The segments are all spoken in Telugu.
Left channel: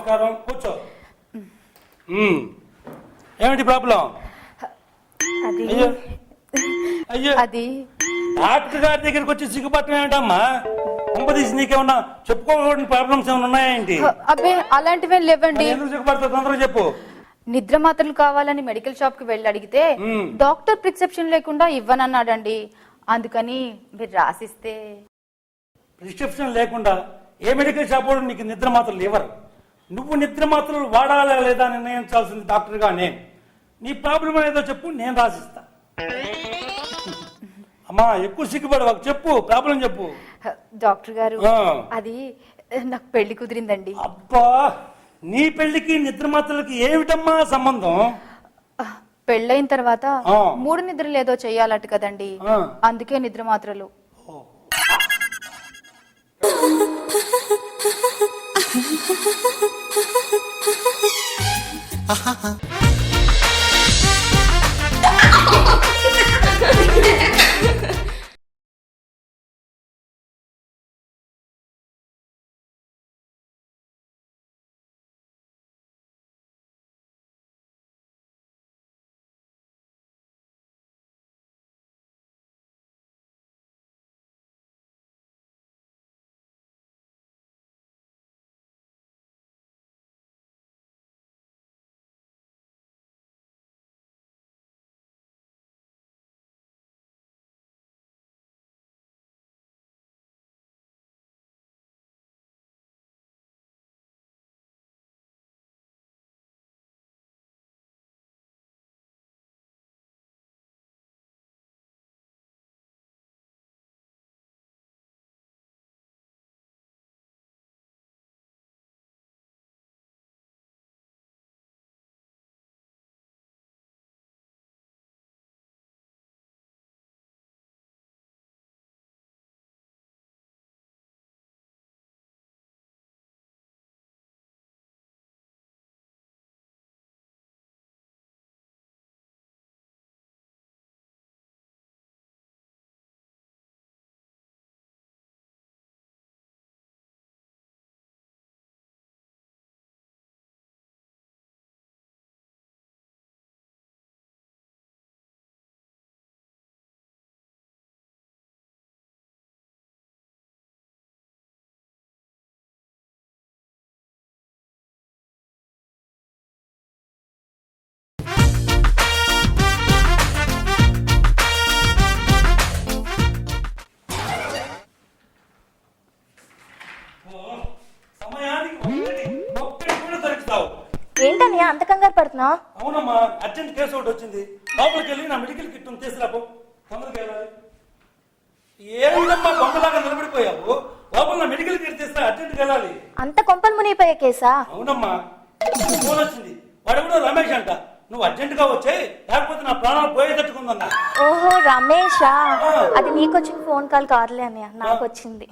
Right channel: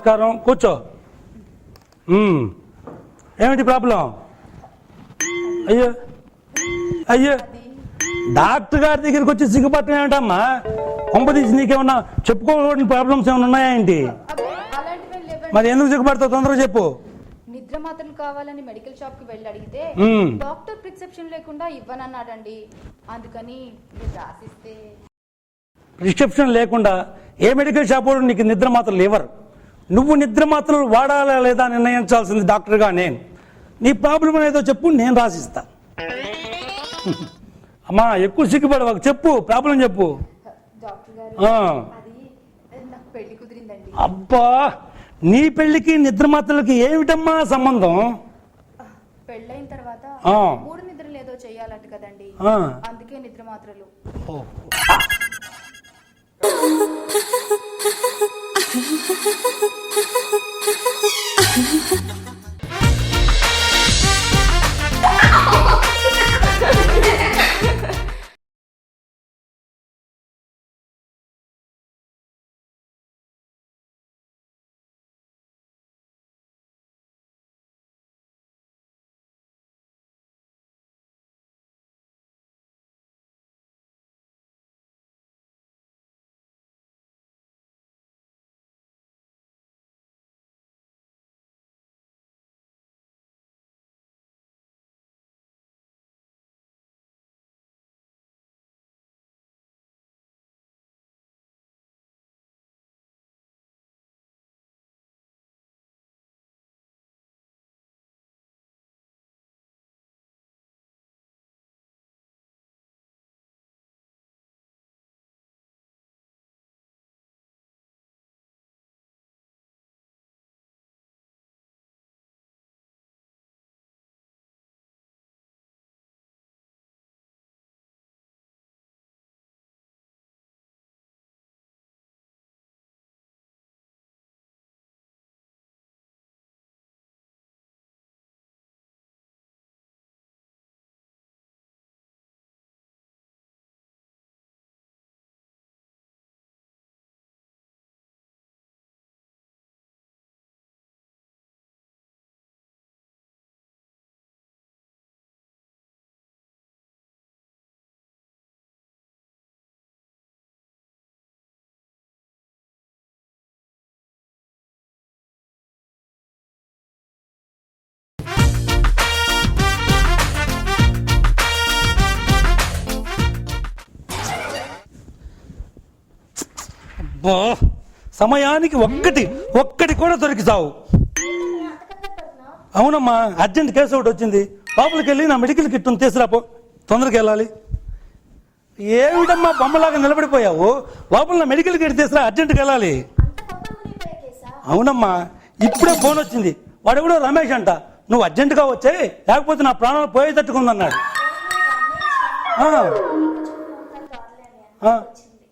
నమస్కారం. కూర్చో. ఏమిటి ప్రాబ్లం? అయ్యో అయ్యో, అది డాక్టర్ గారి దగ్గరికి వచ్చి సిగ్గుపట్టం ఏమిటమ్మా? కొంపదీసి నీకేమన్నా చెప్పుకోకూడని ప్రాబ్లమ్స్ ఏమైనా ఉన్నాయా ఏంటి? అబ్బే అలాంటివే మరి లేవండి. ఎందుకు సిగ్గుపడతావు? తొందరగా చెప్పు. నిద్ర మాత్రలు కావాలని మెడికల్ షాప్ కి వెళ్ళి అడిగితే డాక్టర్ ప్రిస్క్రిప్షన్ లేకుండా ఇవ్వనన్నాడండి. అందుకని మీరు రాసిస్తే. ప్రిస్క్రిప్షన్ లేకుండా ఏ మెడికల్ షాప్ వాడు నీకు నిద్ర మాత్రలు ఇవ్వరు. నువ్వు నిద్ర మాత్రలు వాడాలా లేదా నిర్ణయించాల్సింది డాక్టర్గా నేను. నీ ప్రాబ్లం ఏదో చెప్పు, నేను రాసిస్తా. అమ్మా ఎక్కువ సిగ్గుపడవాకు, చెప్పు ప్రాబ్లం చెప్పు. డాక్టర్ గారు అది నాకు పెళ్లి కుదిరిందండి. అబ్బా, నీ పెళ్లికి నిద్ర మాత్రలకి ఏమిటమ్మా సంబంధం? పెళ్ళైన తర్వాత 3 నిద్రలు ఏదో చెయ్యాలట కదండి, అందుకే నిద్ర మాత్రలు. సమయానికి ఒక్కటి కూడా దొరికితావు. ఏంటని అంత కంగారు పడుతున్నా? అవునమ్మా, అర్జెంట్ కేసు ఒకటి వచ్చింది. లోపలికి వెళ్ళి నా మెడికల్ కిట్ తీసుకురాపో, తొందరగా వెళ్ళాలి. ఏమిటమ్మా బొమ్మలాగా నిలబడిపోయావు? లోపల నా మెడికల్ కిట్ తీసుకురా, అర్జెంట్కి వెళ్ళాలి. అంత కొంపలు మునిగిపోయే కేసా? అవునమ్మా, ఇప్పుడే ఫోన్ వచ్చింది. వాడెవడో రమేష్ అంట. నువ్వు అర్జెంటుగా వచ్చే, లేకపోతే నా ప్రాణాలు పోయేటట్టుకుందన్నాడు. ఓహో రమేషా? అది నీకు వచ్చిన ఫోన్ కాల్ కాదులే అన్నయ్య, నాకు వచ్చింది.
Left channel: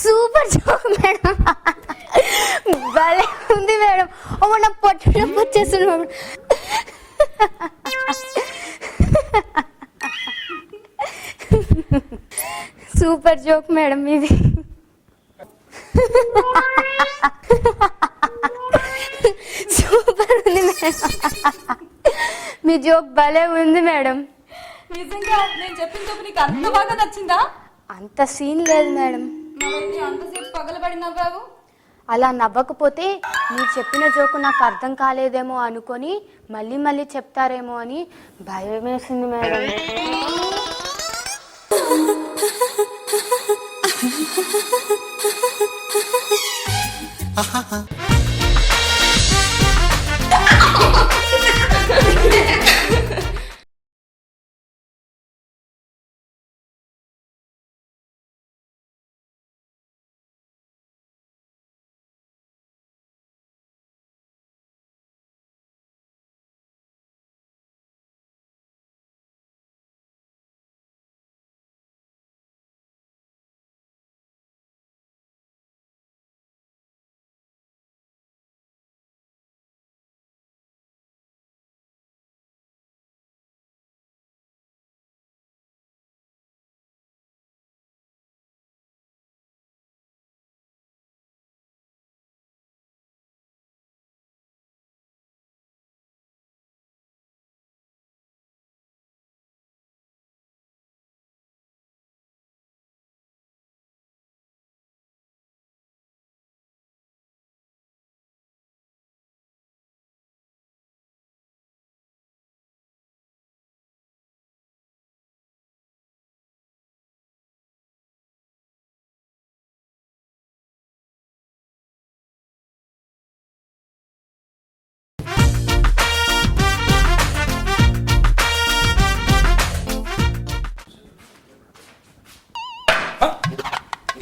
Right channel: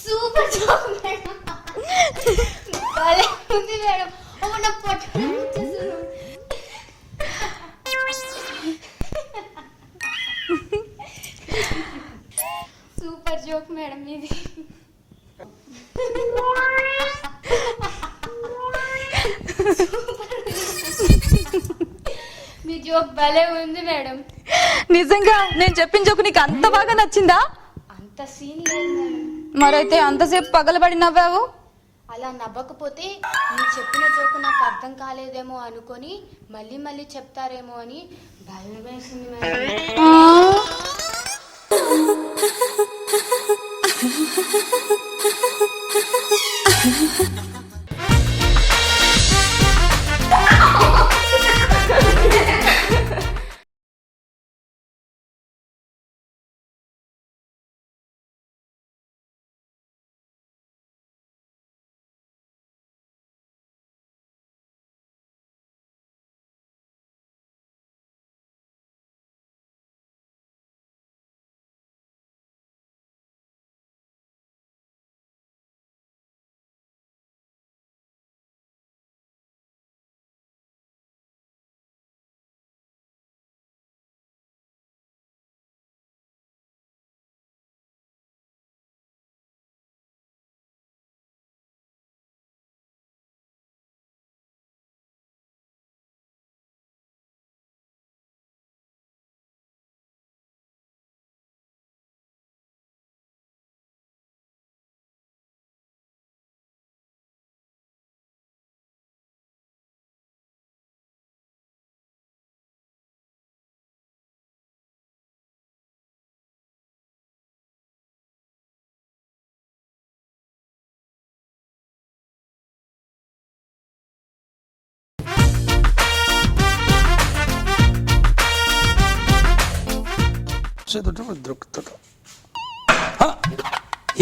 Super job madam. భలే ఉంది మేడం. ఓ నా పొట్ట వచ్చేస్తున్నాడు. సూపర్ జోక్ మేడం ఇది. సూపర్ ఉంది మేడం. మీ జోక్ భలే ఉంది మేడం. నిజంగా నేను చెప్పిన జోకు నీకు అంత బాగా నచ్చిందా? అంత సీన్ లేదు మేడం. మరైతే అంతసేపు పగలబడి నవ్వావు? అలా నవ్వకపోతే మీరు చెప్పిన జోకు నాకు అర్థం కాలేదేమో అనుకొని మళ్ళీ మళ్ళీ చెప్తారేమో అని భయం వేసింది మేడం.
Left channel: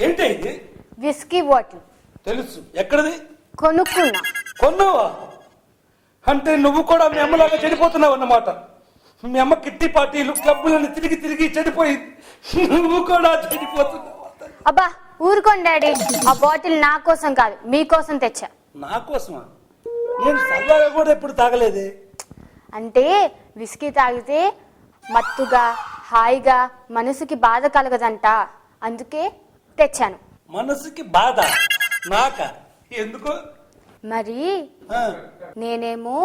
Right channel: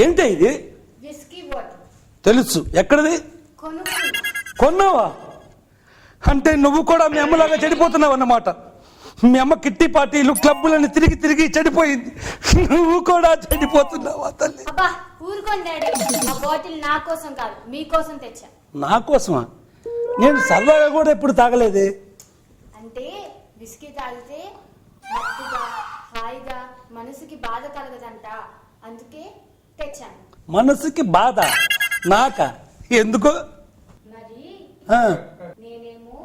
ఏంటి ఇది? విస్కీ బాటిల్ తెలుసు. ఎక్కడది? కొనుక్కున్నా. కొన్నావా? అంటే నువ్వు కూడా మీ అమ్మలాగా చెడిపోతున్నావు అన్నమాట. మీ అమ్మ కిట్టి పార్టీలు క్లబ్బులని తిరిగి తిరిగి చెడిపోయింది. నువ్వు కూడా చెడిపోతున్నావా తల్లి? అబ్బా ఊరుకోండి డాడీ. ఆ బాటిల్ నా కోసం కాదు మీకోసం తెచ్చా. నా కోసమా? నేను సరదాగా కూడా ఎప్పుడు తాగలేదే. అంటే విస్కీ తాగితే మత్తుగా హాయిగా మనసుకి బాధ కలగదంట, అందుకే తెచ్చాను. మనసుకి బాధ? నాక? ఎందుకు? మరి ఆ, నేనేమో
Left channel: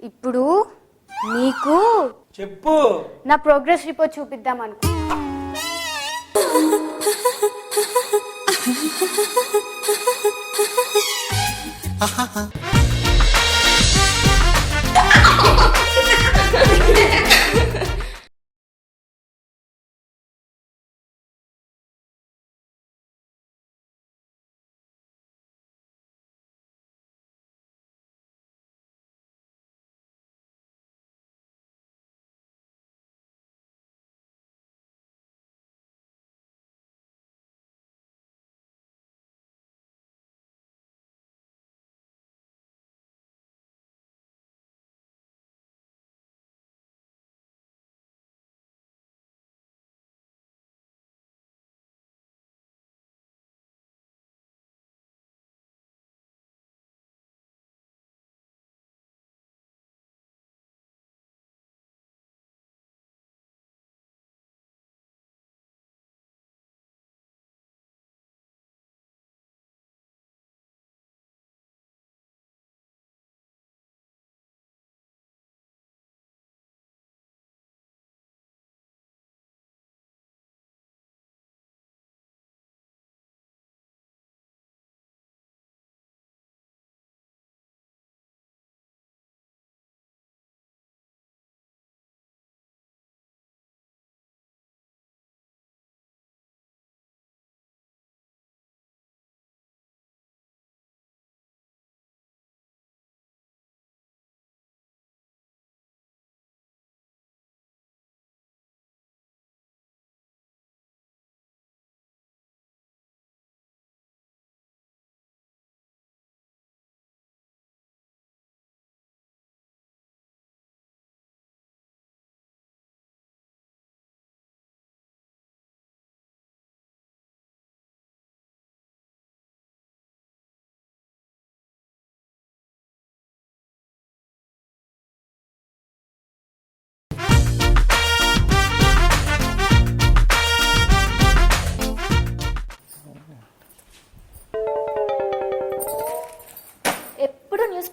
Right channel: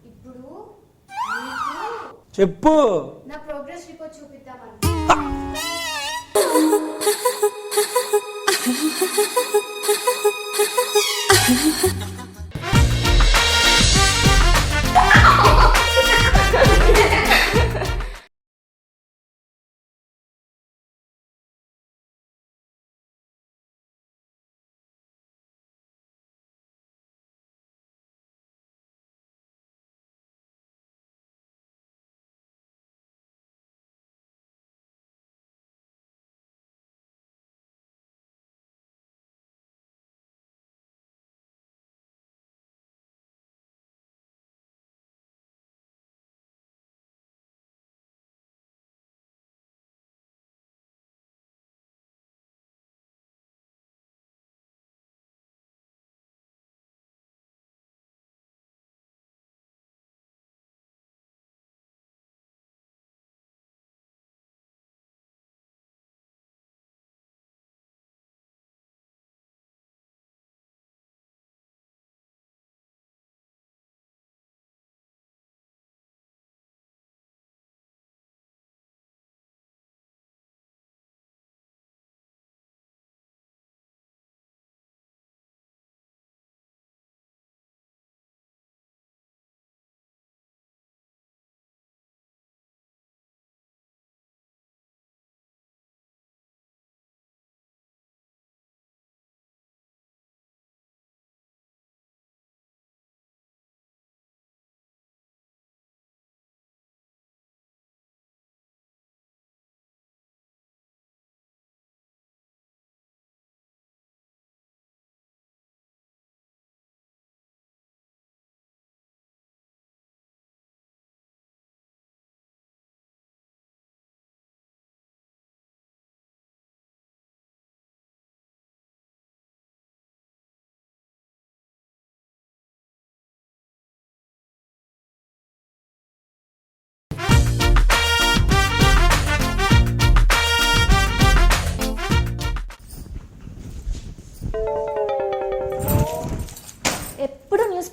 ఇప్పుడు నీకు చెప్పు. నా ప్రోగ్రెస్ రిపోర్ట్ చూపిద్దాం అనుకో.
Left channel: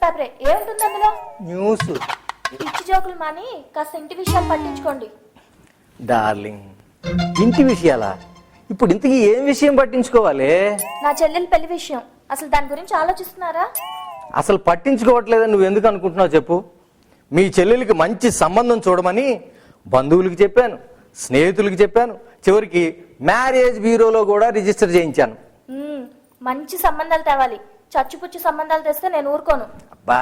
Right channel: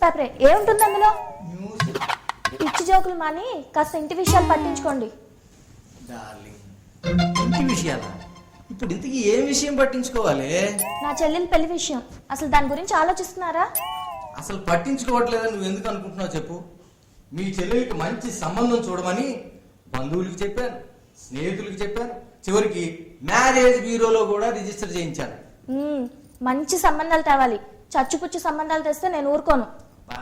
పేపరే ఏముంటుంది అందులో? న్యూస్. పిచ్చి జోకులు మాని కాస్త ఇంటి విషయాలు పట్టించుకోండి. డార్లింగ్, ఇంటి విషయాలా? ఇప్పుడు ఇంతకీ ఏం విషయం పట్టించుకోవాలి? నా చెల్లెలు పెళ్లి విషయం. అసలు దాని గురించి ఆలోచిస్తున్నారా? అసలు పట్టించుకోవట్లేదని నువ్వు ఎందుకు అనుకుంటున్నావు చెప్పు. మీ చెల్లెలికి మంచి సంబంధం చూడమని బంధువులకి చెప్పాను, స్నేహితులకి చెప్పాను, చివరికి మ్యారేజ్ బ్యూరోలో కూడా రిజిస్టర్ చేయించాను. మంచి సంబంధాలు తేవాలి. చచ్చుపుచ్చు సంబంధాలు తెస్తే నేను ఊరుకోను. బా,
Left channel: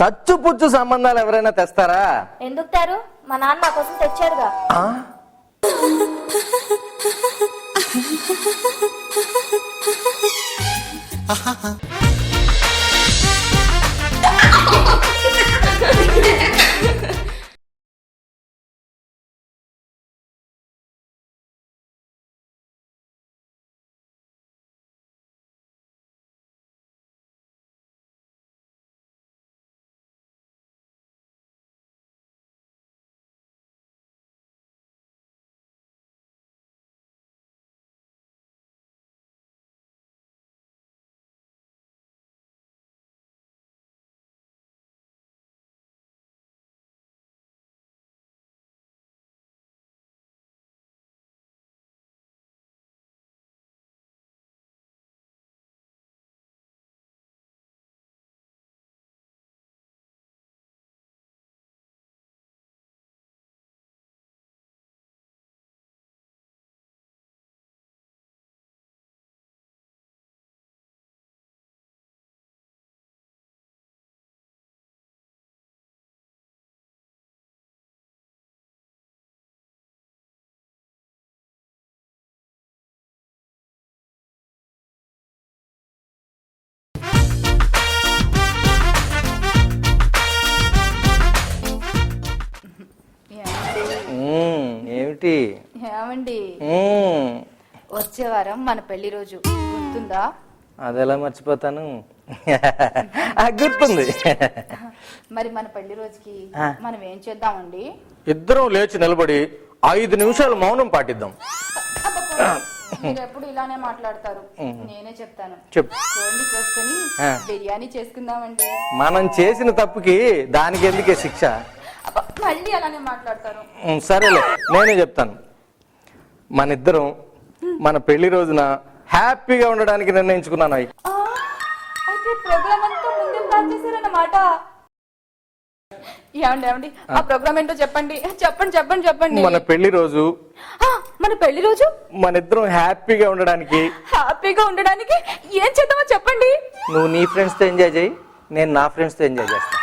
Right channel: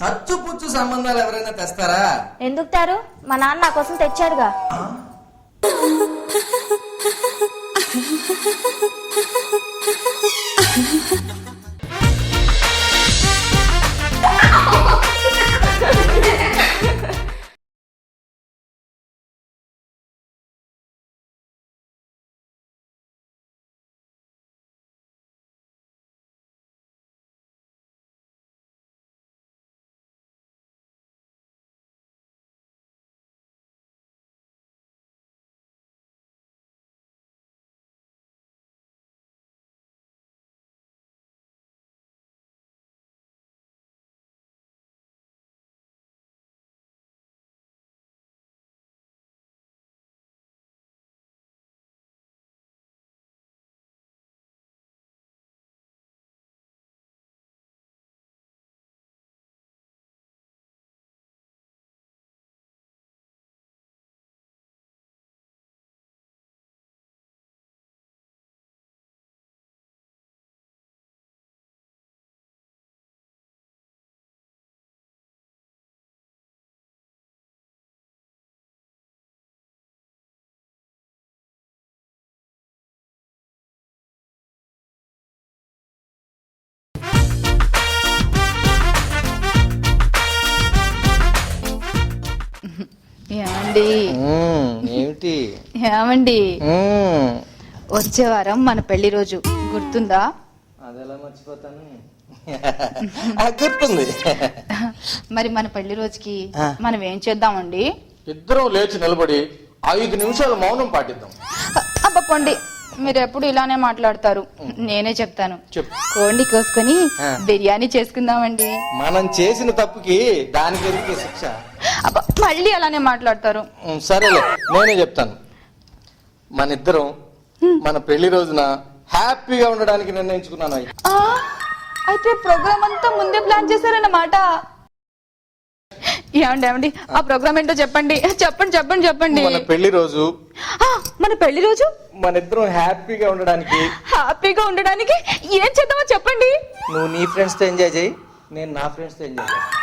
చచ్చుపుచ్చు సంబంధాలు ఎవరైనా తెస్తారా? ఎందుకు తారు? మా నాన్న నా కోసం తెచ్చాడుగా. ఆ? ఏమిటి? ఏమండి, వచ్చే వారం మన పెళ్లి రోజు గుర్తుందా? అదెలా మర్చిపోతాను. గుర్తుంది. మరి మన పెళ్లి రోజుకి మనం ఏం చేద్దామండి? ఇద్దరం లేచి నిలబడి 5 నిమిషాలు మౌనం పాటిద్దాం. అబ్బకండి, మీరు ఎప్పుడు ఇలానే మాట్లాడతారు. నేనే చెప్తాను. చెప్పు. కోండి కోసుకొని బిర్యానీ చేసుకుందామండి. మనం చేసిన తప్పుకి దానికి ఎందుకే శిక్ష? మళ్ళీ అలానే మాట్లాడతారు. సరేలే, నేనే చెప్తాను. మన ఇద్దరం మన పెళ్లి రోజున హ్యాపీగా ఉండడానికి నిర్ణయించుకున్నాను. అయితే ప్రోగ్రామ్ అంతా ముందే ప్లాన్ చేశారన్నమాట. ఏమండి, ఆ ప్రోగ్రామ్ ఏంటో చెప్పండి. చెప్పండి. మన పెళ్లి రోజు మన ఇద్దరం హ్యాపీగా ఉండడానికి ఏం చేద్దామో చెప్పండి. నువ్వు నీ ఫ్రెండ్స్ తో ఎంజాయ్ చేయి, నేను నా ఫ్రెండ్స్ తో ఎంజాయ్ చేస్తాను.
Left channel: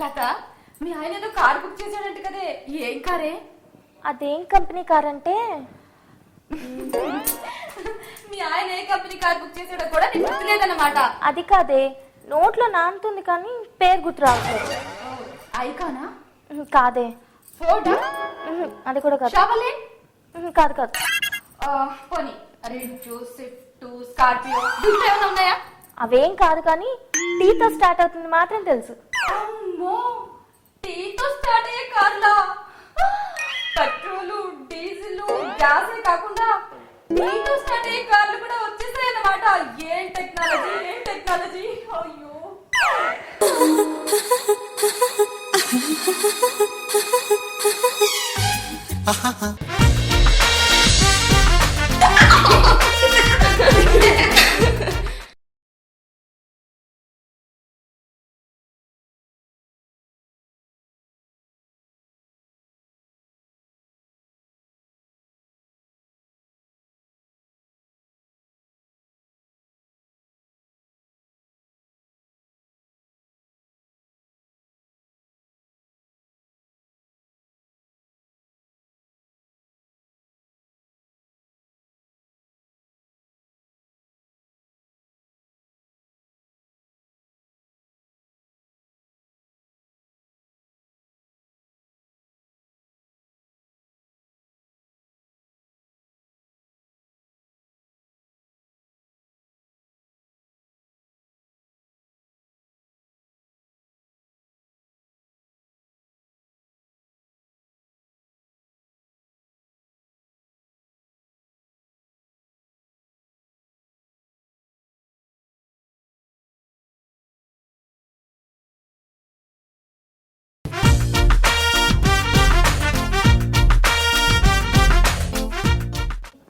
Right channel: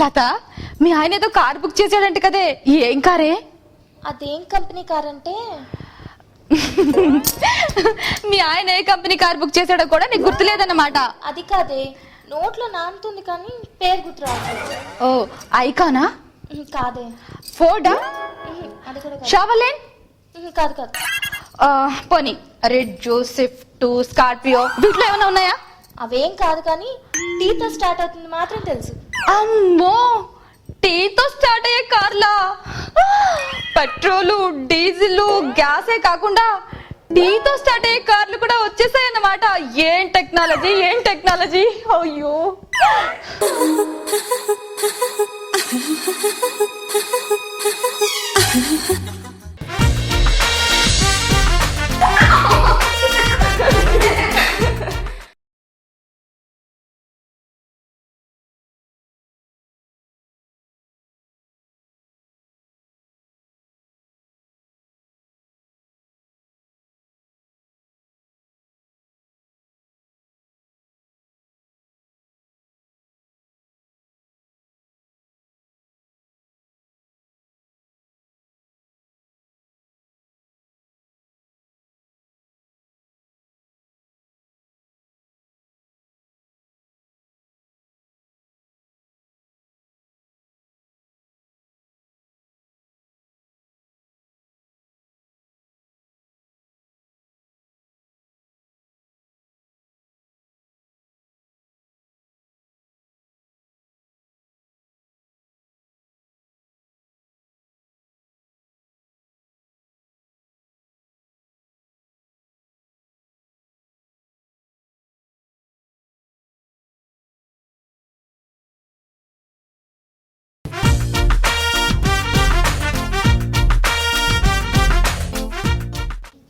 లత, మీ ఆయన ఏదో కార్ బుక్ చేసాడంటే కదే, ఏం కారే? అదేం కంపెనీ కార్ అంటే మీ ఆయన ఏ కంపెనీ కార్ బుక్ చేసాడో కూడా నీకు గుర్తులేదన్నమాట. అది కాదే, నోట్లో నానుతుంది కానీ పేరు గుర్తురా. ఓ, ఐకానా? కాదే. ఫోర్డా? అది కూడా కాదు. షావర్లెట్? కాదు కాదు. పోనీ రెడ్, స్విఫ్ట్, స్కార్పియో వీటిలో ఏమైనా ఉన్నాయా? అవేం కాదు కానీ టీతో స్టార్ట్ అవుతుంది మాత్రం తెలుసు. అమ్మో, టీతో స్టార్ట్ అయ్యే కార్లా? పెట్రోలు, డీజిల్, గ్యాసే కాకుండా టీతో స్టార్ట్ అయ్యే కార్లు కూడా వచ్చేసాయి అన్నమాట. ఏం టెక్నాలజీ, ఏం టెక్నాలజీ! అయ్యో,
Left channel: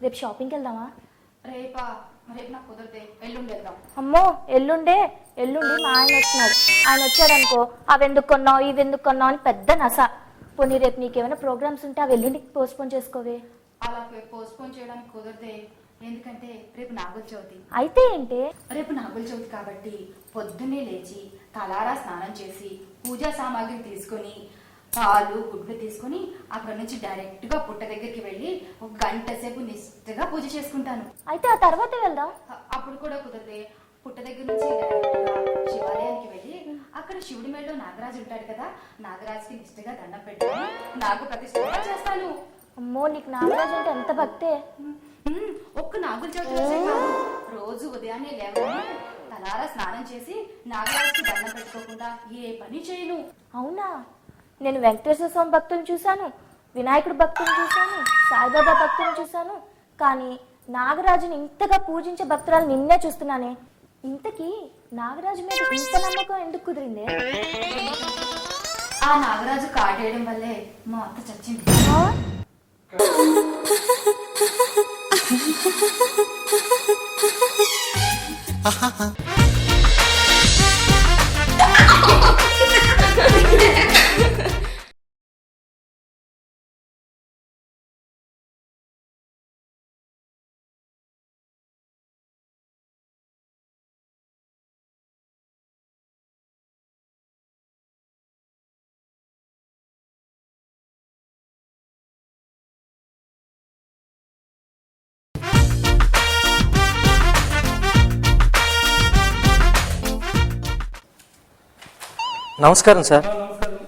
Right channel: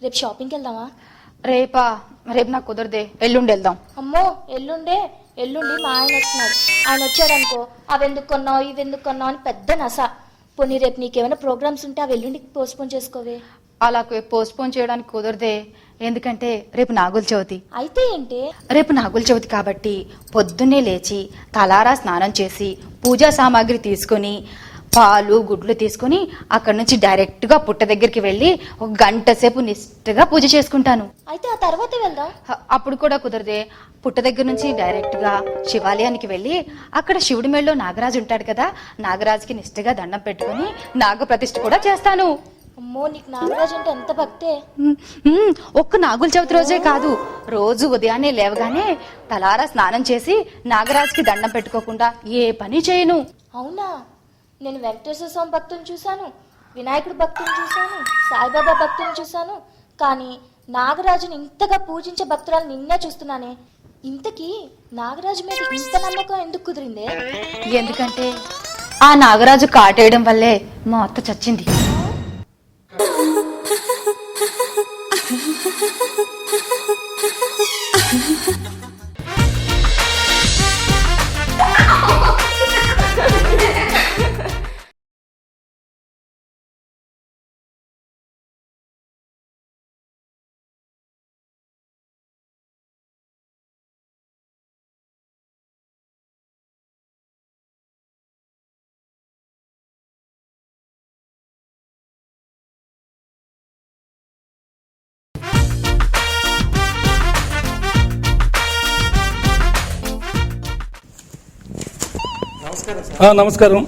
రేపు షాపింగ్కి వెళ్దామా? రేపా? రేపు నాకు కుదరదే, ఎల్లుండి వెళ్దాం. అమ్మో ఎల్లుండి మా ఆయన వస్తున్నాడు. ఆయన వచ్చాడనుకో అవెందుకు కొన్నావు ఇవెందుకు కొన్నావు అని పెద్ద నస. పోనీ రేపు నీకేమైనా ప్రోగ్రామ్స్ ఉంటే అవి ఎల్లుండికి పోస్ట్పోన్ చేసుకోవే. అలా పోస్ట్పోన్ చేయడానికి కుదరదే, ఎందుకంటే రేపు నాగుల చవితి. అయితే ఏంటి? రేపు నాగుల చవితి కాబట్టి పొద్దున్నే లేచి తలారా స్నానం చేసి పూజా సామాగ్రి తీసుకొని పాలు గుడ్లు తీసుకొని అక్కడి నుంచి డైరెక్ట్గా పుట్ట దగ్గరికి వెళ్ళి ఒక గంట సేపు నిష్ఠగా పూజ చేసుకుంటాను. అయితే ఆ తర్వాత వెళ్దాం. అప్పుడు కూడా కుదరదే. పుట్ట దగ్గర నుంచి డైరెక్ట్గా శివాలయానికి వెళ్ళి అక్కడ శివుడి మెళ్ళలో నాగరాజు ఉంటాడు కదా, నాగరాజుకి నిష్ఠగా దండం పెట్టుకొని నాగ ప్రతిష్ఠ కూడా చేస్తాను. అమ్మో నీకు నాగరాజు అంటే ఎంత భక్తే. ఒక్క నాగుల చవితి రోజే కాదు, రోజు ఉదయాన్నే లేవగానే తలారా స్నానం చేసి నాగరాజుకి దండం పెట్టుకోకుండా ఏ పని చేయను. అవునా? నేను వెంకటేశ్వర స్వామి భక్తులు చూశాను, వినాయకుడు భక్తులు చూశాను, సాయిబాబా భక్తులు చూశాను, కానీ నాగరాజుని ఇంతగా పూజించే భక్తురాలు నిన్నే చూస్తున్నానే. ఇంతకీ నాగరాజు మీద ఇంత నమ్మకం ఎందుకు కుదిరిందే? ఎందుకంటే ఆ నాగరాజు కాటేయడం వల్లే మా అత్త చచ్చింది. నమస్కారం సార్. నమస్కారం.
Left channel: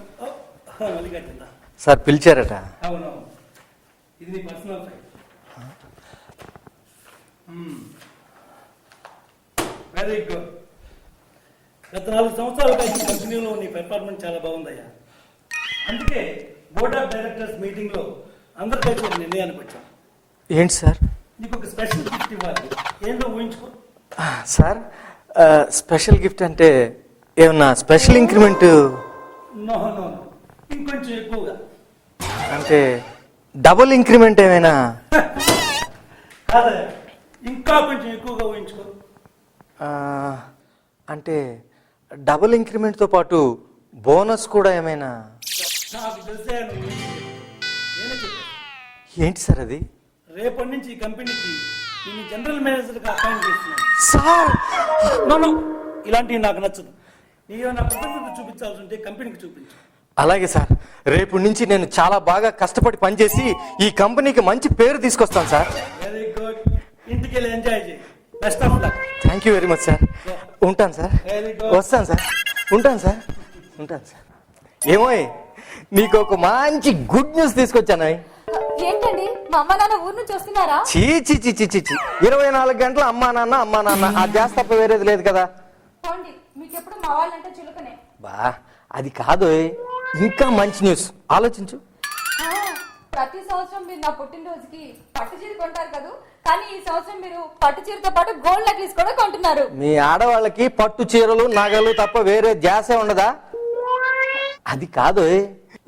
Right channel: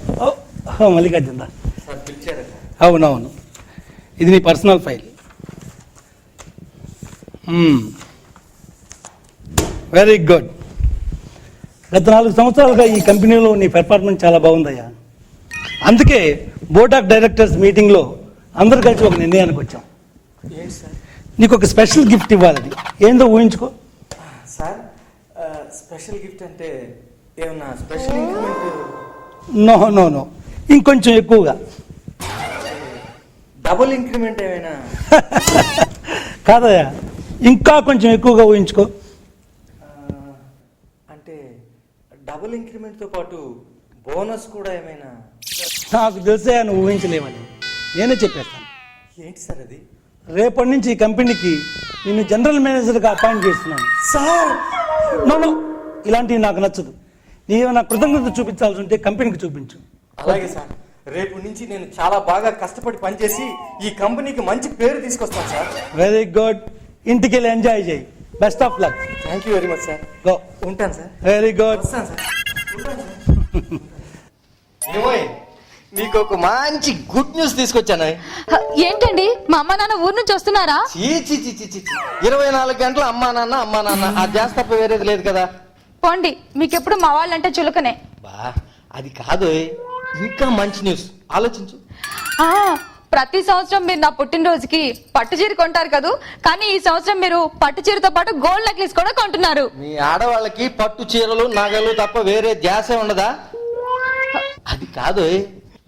మల్లికార్జున సార్ పిలిచారట? అవునవును, ఇది నీ పర్సనల్ ఫైల్. Very good. గత 4 సంవత్సరాలుగా ఈ కంపెనీలో నీ పెర్ఫార్మెన్స్ చాలా బాగుందయ్యా. అందుకే బోర్డ్ ఆఫ్ డైరెక్టర్స్ మీటింగ్లో అందరు కలిసి ఒక నిర్ణయానికి వచ్చాం. ఏంటి సార్? నీకు ఒక స్పెషల్ గిఫ్ట్ ఇవ్వాలి. ఏందో ఊహించుకో. సార్ స్పెషల్ గిఫ్ట్ అంటే ఏమన్నా special increment? No no no, ఇంకొంచెం ఎక్కువగా. అంటే డబుల్ ఇంక్రిమెంట్ ఏమైనా? కాదయ్యా, ఇంకా కొంచెం ఎక్కువగా ఊహించుకో. అంటే డబుల్ ఇంక్రిమెంట్తో పాటు బోనస్ కూడా ఏమైనా? నాకు తెలిసే నువ్వు ఊహించలేమని నేనే చెప్పేస్తాను. ఏంటి సార్ అది? రేపటి నుంచి ఈ కంపెనీకి నేను జనరల్ మేనేజర్గా అపాయింట్ చేస్తున్నాను. సార్ నన్ను ఇలాంటివి నాకు నచ్చదు. నీవేమైనా కృతజ్ఞత చూపించాల్సి ఉంటే కంపెనీకి చూపించు. అలాగే సార్, రేపు నుంచి నేను చాలా బాగా కష్టపడి పనిచేసి ఈ కంపెనీకి మంచి పేరు తీసుకొస్తాను సార్. Very good. ఇంటికి వెళ్ళి ఎంజాయ్ చేయి. Best of luck. Thank you very much sir. ఉంటాను సార్. Very good. వస్తాను సార్. ఉంటాను సార్. ఉంటాను సార్. ఏమో నీకు ఒక మంచి గుడ్ న్యూస్ తీసుకొచ్చాను. ఏంటండి మా అమ్మ నాన్న ఊరు నుంచి వస్తున్నారా? చీ చీ చీ చీ చీ 24 గంటలు అమ్మా నాన్న అది చేస్తే తప్ప వేరేది లేదు కదా. పోండి, మీకెప్పుడు మా వాళ్ళంటే చులకనే. బా అది కాదు, ఇంకా మంచి న్యూస్ ఆలోచించు. ఆ, ప్రతి సంవత్సరం మీరు నా పుట్టినరోజుకి పట్టు చీర కొంటారు కదా, కానీ ఈ సంవత్సరం మీరు పట్టు చీరతో పాటు గోల్డ్ నెక్లెస్ కూడా కొంటున్నారు. మీ ఆడవాళ్ళకి పట్టు చీరలు నగలు తప్ప వేరే ధ్యాసే ఉండదా? అది కాదు,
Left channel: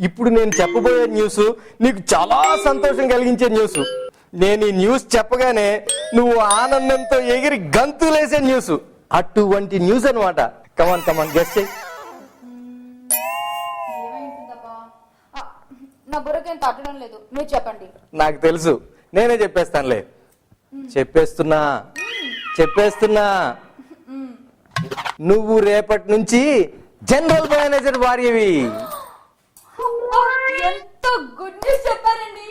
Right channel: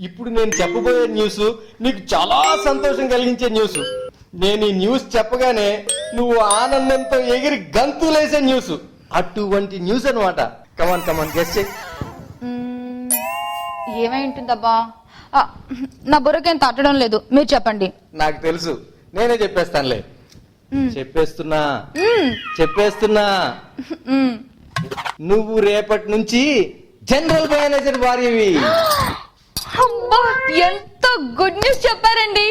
ఇప్పుడు నేను చెప్పబోయే న్యూస్ నీకు చాలా సంతోషం కలిగించే న్యూస్. నేను ఈ న్యూస్ చెప్పగానే నువ్వు ఆనందంతో ఎగిరి గంతులేసే న్యూస్. అటువంటి న్యూస్ అన్నమాట. కమాన్ గెస్ చెయ్. ఏమై ఉంటుందబ్బా? ఆ, నా బుర్రకేం తట్టడం లేదు, మీరు చెప్పండి. నాకు తెలుసు, నేనే చెప్పేస్తానులే. చెప్పేస్తున్నా నువ్వు రేపటి నుంచి జనరల్ మేనేజర్ భార్యవి. అబ్బా, ఎంత గుడ్ న్యూస్ చెప్పారండి.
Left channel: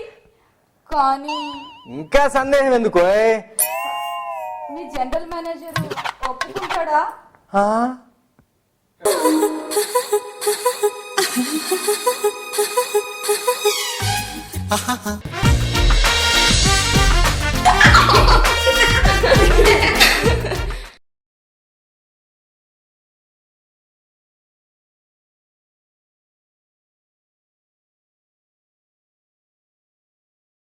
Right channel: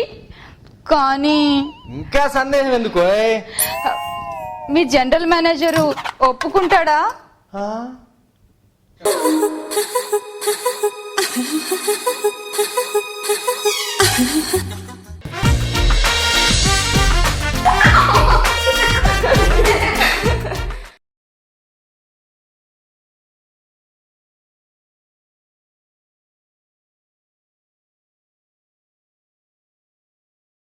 కానీ ఇంకా సందేహం ఎందుకో? మీ జనరల్ మేనేజరు ఒప్పుకుంటాడా? ఆ